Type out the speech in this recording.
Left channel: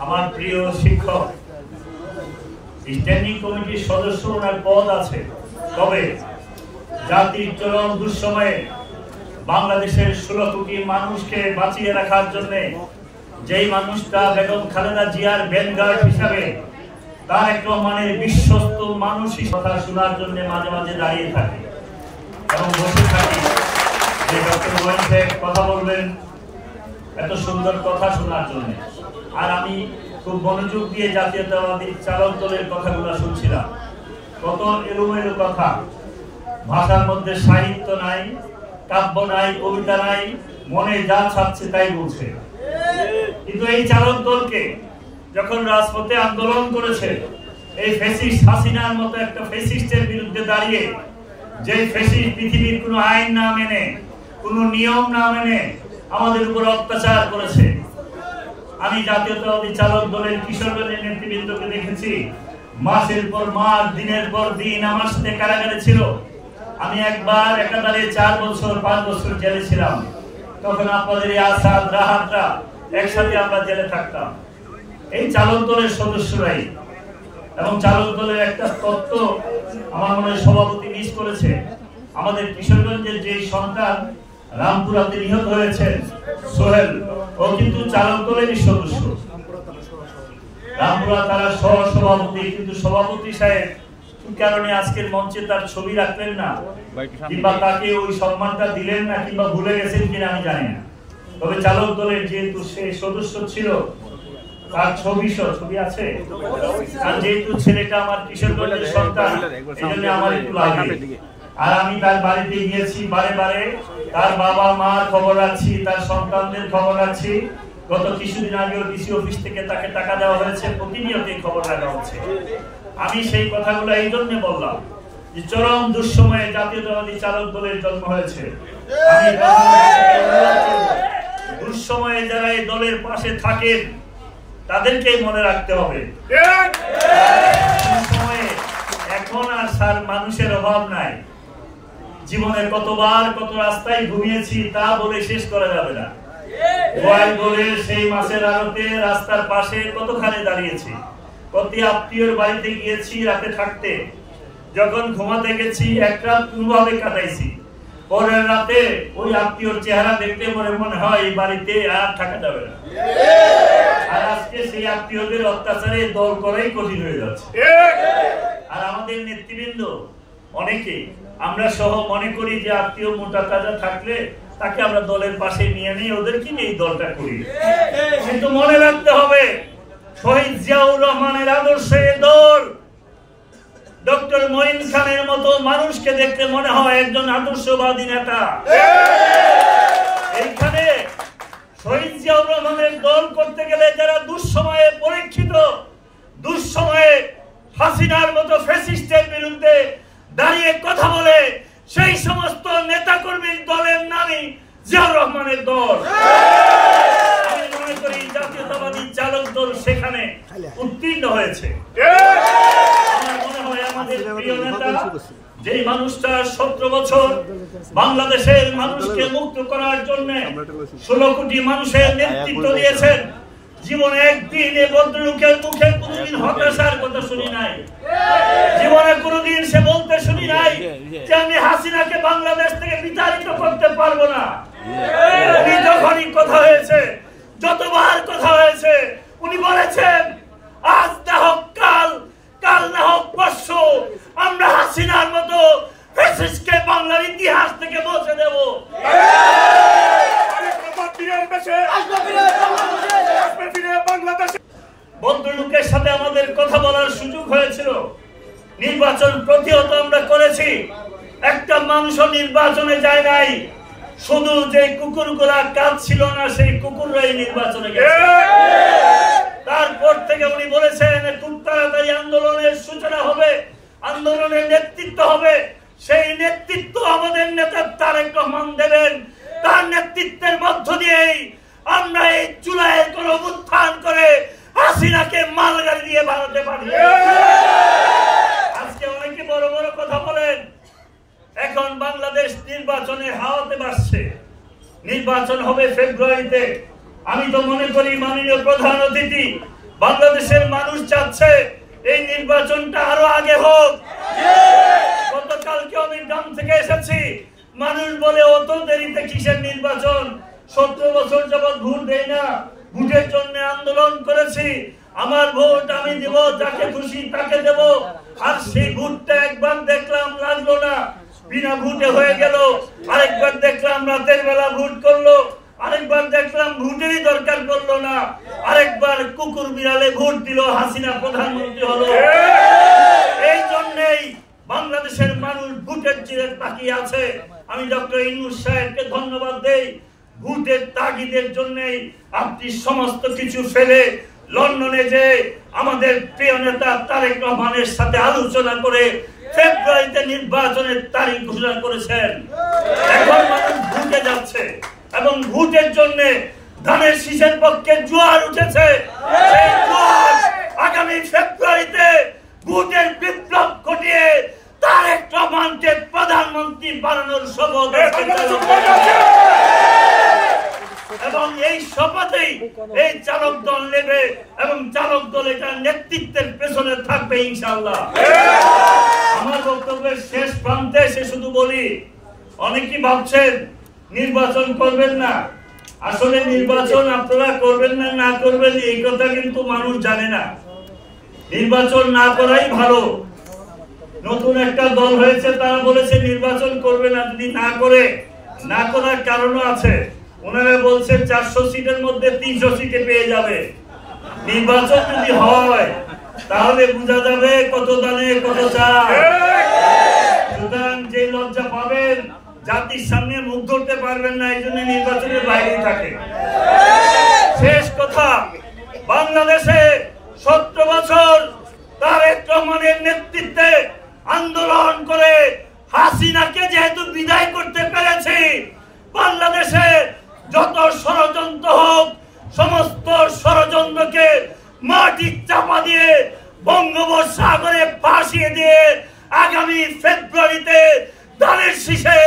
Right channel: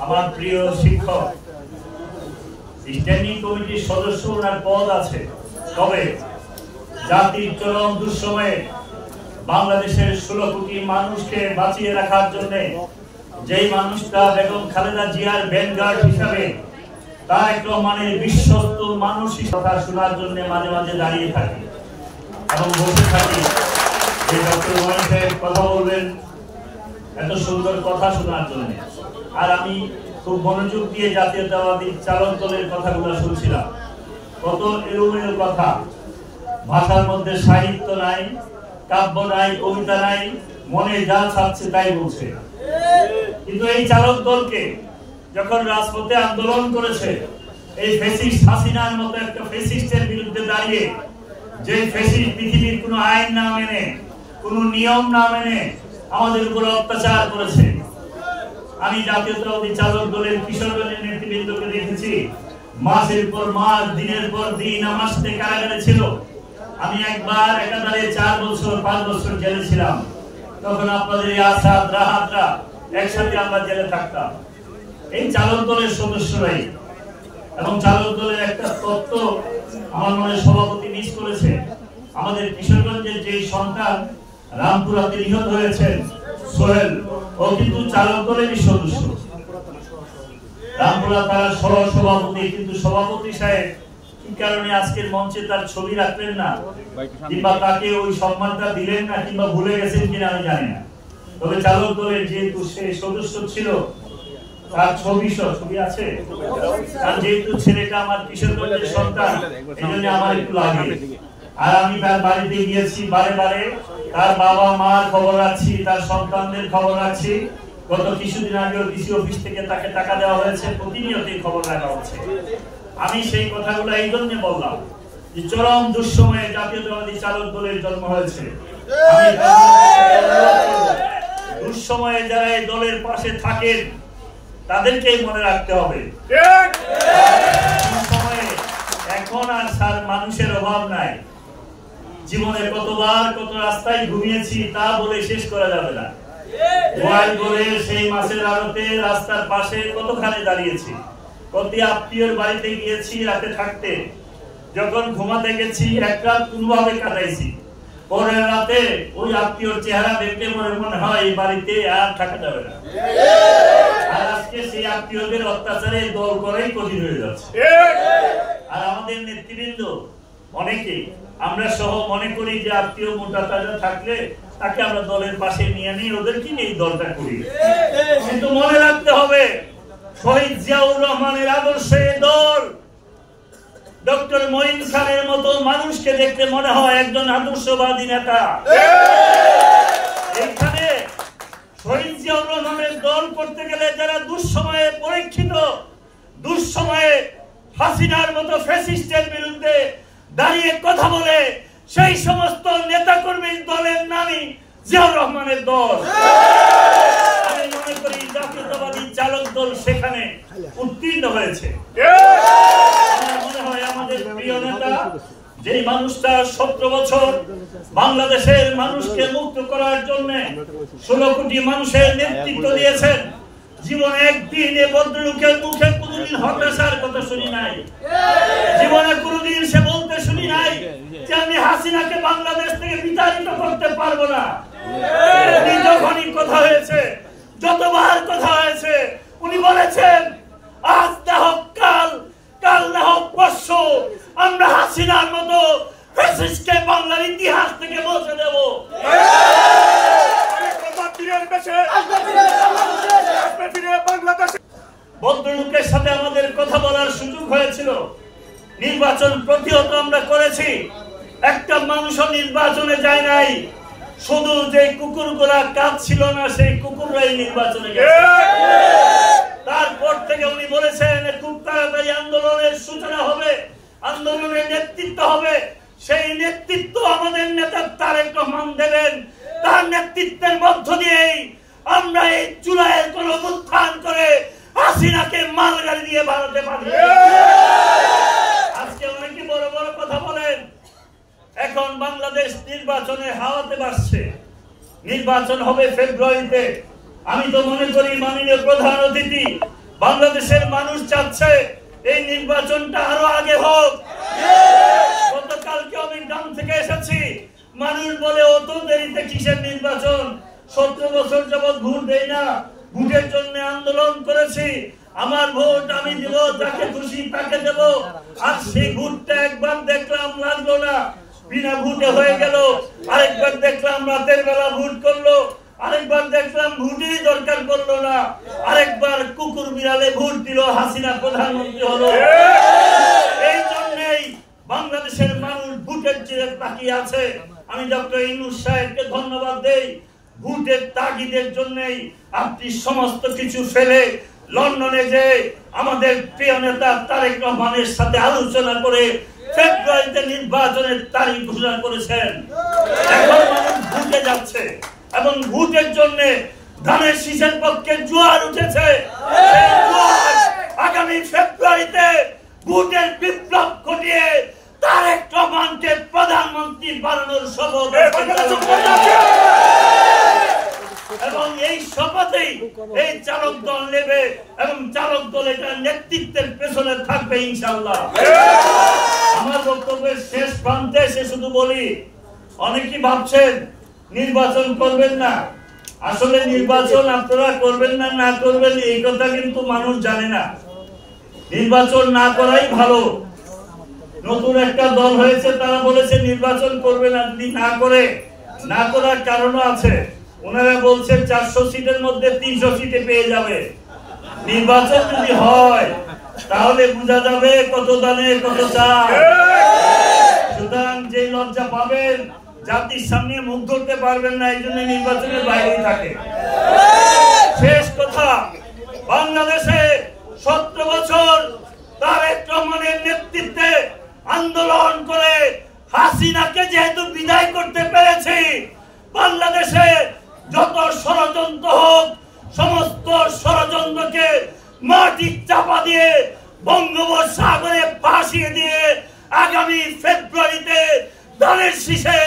আমার প্রিয় শিক্ষক, স্ট্যান্ডিং কমিটির সদস্য ওনার পদ আছে, তবে জাতির চরম দুঃসময়ে বাংলাদেশের 16 কোটি মানুষকে বাঁচিয়ে রাখার জন্য যেই মানুষটা বেগম খালেদা জিয়ার ভ্যানগার্ড হিসাবে তারেক রহমানের বিশ্বস্ত মানুষই কথা শোনার জন্য মাঝে মাঝে দাঁড়িয়ে থাকে এবং বলতে থাকি যে ডক্টর মঈন সাহেব কথা বলবেন এত সুন্দর কথা শোনার জন্য। আর আমি খুব মনোযোগ দিয়ে জাতীয়তাবাদী চালক দলের কথাগুলো শুনছিলাম। কত এলোমেলো কথা, ভাষার মধ্যে সাহিত্য নাই, কাব্য নাই, কবিতা নাই, মনে যা ছাড়ছে তাই বলছে। কিন্তু এই চালক দলকে যখন রাজপথে আন্দোলন করেছে এই ফ্যাসিস্ট হাসিনার মতো একটা ফ্যাসিস্টের বিরুদ্ধে দাঁড়িয়ে, যে ফ্যাসিস্ট পৃথিবীর কোনো আইন না মেনে, কোনো নিয়ম না মেনে আমাদের উপর অত্যাচার করেছে, আমি জাতীয়তাবাদী চালক দলের কিশোরগঞ্জের নেতৃবৃন্দকে দেখেছি মাসের পর মাস, দিনের পর দিন আমার সাথে কারাগারে ছিল। আমি একবার একাধারে 4 বছর 5 বছর জেলে ছিলাম। তখন আপনাদের এই আসাদ রাহাতরা একসাথে আমরা জেলে থাকতাম, এই চালক দলের সদস্যরাই। এবং চালক দলের একটা তত্ত্ব আমার মনে হয় সভাপতি মিস করেছে। আমাদের কিশোরগঞ্জের যে সন্তান রামপুরাতে নিহত হয়েছেন সোহেল, ও কিন্তু চালক দলেরই সদস্য। রামপুরা তারা সভাপতি, কিন্তু সভাপতি সাহেব কি কারণে আজকের মঞ্চে তার ছবি রাখলেন না, কিংবা তাকে ওই সম্মানটা দিলেন না, কিংবা ভুলে গেছেন কিনা আমি জানি না। তবে চালক দলের যেহেতু সে সদস্য ছিল, তার ছবি আছে, আর যেহেতু ছেলেটা আমার কিশোরগঞ্জের সন্তান, এই জন্য আমার একটু লাগে। আর আমি তার বাড়িতে গিয়েছি বারে বারে, তার বাবা মার খবর রাখছি, তার সন্তানদের খবর রাখছি। গত কিছুদিন আগেও ডিসি অফিস থেকে তাকে টাকা দেওয়া হয়েছে, প্রতিনিয়তই খবর রাখা হচ্ছে। আমি সেই কথাগুলো এই জন্য বললাম যে চরম দুঃসময়ে জাতীয়তাবাদী চালক দলের জন্ম হয়েছে। দুঃসময়ে যারা এই দলের পাশে থাকেন তাদেরকেই মনে রাখতে হবে। দুঃসময়ে এখন আর স্যার মানুষের অভাব নাই। জীবনে কতবার কত রাস্তায় ঘুমিয়েছি তা বলে শেষ করা যাবে না। গোয়াল বলে সেই মাছের আড়তে রাস্তার পাশে কতখানে দাঁড়িয়েছি, কত আত্মীয়র বাড়িতে গিয়েছি রাতে থাকতে, যখন ঘুমাতে গেছি এক রাত কোনোভাবে কাটাইছি, পরের রাতে ওই আত্মীয়র চেহারা দেখতে মনে হয় এই বাড়িতে আর থাকা যাবে না। আর আজকে সেই আত্মীয়দের অত্যাচারে দল করাই কঠিন হয়ে যাচ্ছে। আর আমাদের নেতৃবৃন্দ অনেকে, আমরা সহ মনে করি যে আত্মীয় মোটা তাজা থাকলে তাকে আমরা দলের পাশে নিয়ে নিই, ওদেরকে নিয়ে দলটা করি। কিন্তু মনে রাখতে হবে শহীদ জিয়াউর রহমানের আদর্শে দল, ডক্টর মঈন খানের মতো মানুষকে দেখতে মনে হয় একজন আদর্শবাদী নেতা। এইখানে শহীদ জিয়াউর রহমানের দল করতে গেলে যারা দুঃসময়ে পরীক্ষিত, দুঃসময়ে হাসিনার মতো ফ্যাসিস্টের বিরুদ্ধে দাঁড়িয়ে কথা বলে, সেই সমস্ত নেতা কর্মীর দলের নামই জিয়াউর রহমানের দল। আমি মনে করি জাতীয়তাবাদী চালক দল সেখানে উত্তীর্ণ হয়েছে। আমার মনে হয় আমাদের প্রিয় নেতা, যে মানুষটা 17 বছর বাংলাদেশের মানুষকে মুক্ত করার জন্য 16 কোটি মানুষের নেতৃত্ব দিয়েছেন, জীবনে একদিন এ ভদ্রলোকের মুখে কোনদিন হতাশার কথা শুনি নাই। জীবনে কোনদিন সে বলতে শুনি নাই যে আমি হাসিনাকে বাংলাদেশ থেকে বিতাড়িত করতে পারবো না। উনি যখনই কথা হয়েছে, যতবার কথা হয়েছে, উনি বলেছেন আজ না হোক কাল, কাল না হোক পরশু, আমরা হাসিনার মতো ফ্যাসিস্টকে বাংলার ইতিহাস থেকে মুছে দেব। ভদ্রলোকের সাথে আমাদের কথা বলার সুযোগ হয়েছিল, নির্বাচন প্রতিহত আমরা করেছি, একটা মানুষও নির্বাচনে যায় নাই, শুধু যে কুকুরগুলা কাজ ছিল না সেই কুকুররাই নির্বাচনে গেছে। তারপর থেকে উনি বলেছেন খুব তাড়াতাড়ি আন্দোলনের সূচনা হবে, আন্দোলনের নেতৃত্ব হবে, সেই নেতৃত্ব আমাদের নেতা তারেক রহমান দেবেন। তার নেতৃত্বের মধ্য দিয়েই আমরা এই জুলাইয়ের গণঅভ্যুত্থান করে হাসিনাকে মালগাড়ি দিয়ে ভারতে পাঠিয়ে। আজকে অনেকে বড় বড় কথা বলেন, এখন বাংলাদেশ নির্বাচনে হাওয়াতে বাসছে, নির্বাচন হবে ফেব্রুয়ারিতে। আমি তো মনে করি মাননীয় প্রধান অতিথি বাংলাদেশের মানুষ চাচ্ছে এই নির্বাচনটা আরো আগে হোক। গতকালকে আমি গ্রাম থেকে এসেছি, মানুষ বলে অত দেরিতে কিসের নির্বাচন, 17 বছর যাবৎ ভোট দেই না, ভোটের জন্য আন্দোলন করেছি, আমার ভোট আমি দেব, যাকে খুশি তাকে দেব। আর সেই ভোটটা একবার দেখলাম লাগলো না, বিনা ভোটে হয়ে গেল। আরেকবার দেখলাম রাতের বেলা ভোট করলো, আরেকবার দেখলাম ভোটেরই দরকার করলো না, আরেকবার কুকুর বিড়ালে ভোট দিল, হাসিনা প্রধানমন্ত্রী হলো। এই জন্যই বাংলাদেশের মানুষ ভোটের চিরে তাকিয়ে আছে। আমি ডক্টর ইউনূস সাহেবকে ধন্যবাদ দেই, ভোটের তাগিদের জন্যই আপনি সমস্ত কিছু ফেলে লন্ডনে যে আমাদের প্রিয় নেতা তারেক রহমানের সাথে আলোচনা করে ফেব্রুয়ারিতে নির্বাচনের তারিখ ঘোষণা করেছেন। এখন মানুষ ভোটে যাচ্ছে এবং ভোটের জন্য ধানের শীষের পক্ষে জোয়ার উঠেছে। সেই জোয়ার আগামী ফেব্রুয়ারিতে ভোটের বিপ্লব ঘটিয়ে তারেক রহমানকে প্রধানমন্ত্রী বানানোর শপথ, এবং এই শপথেই এই চালক দল নেবে এবং চালক দল এটার নেতৃত্বের পেছনে থাকবে ইনশাআল্লাহ। আমার বক্তব্যের শেষ প্রান্তে এসে শুধু বলি, অনেকেই ভাবছেন নির্বাচন করবেন না। আসলে নির্বাচন আপনারা করবেন না, না করবেন এই কথা কিন্তু মানুষ জানে না। নির্বাচন না করাই ভালো। নতুন একটা দল হয়েছে, তারা বলেছে নির্বাচন করবে না। যদি না করার কারণও আছে। ওনারা বলছে 400 সিটের মধ্যে 300 সিটে পেয়ে যাবে। নির্বাচন যদি হয় তাহলে বোঝা যাবে কত দানে কত চাল। সুতরাং যে লজ্জা পাবেন, জাতির সামনে মুখ ধরতে পারবেন না, এই জন্য নির্বাচনের বাইরেই থাকে। শেষ কথা, বাংলাদেশে 17 বছর তারেক রহমানের নেতৃত্বে আন্দোলন করে হাসিনাকে যেহেতু বিদায় করতে পেরেছি, বাংলাদেশে যত ষড়যন্ত্র হোক সমস্ত ষড়যন্ত্রকে মাটি চাপা দিয়ে বঙ্গোপসাগরে ভাসিয়ে দিয়ে আগামী ফেব্রুয়ারিতে ধানের শীষের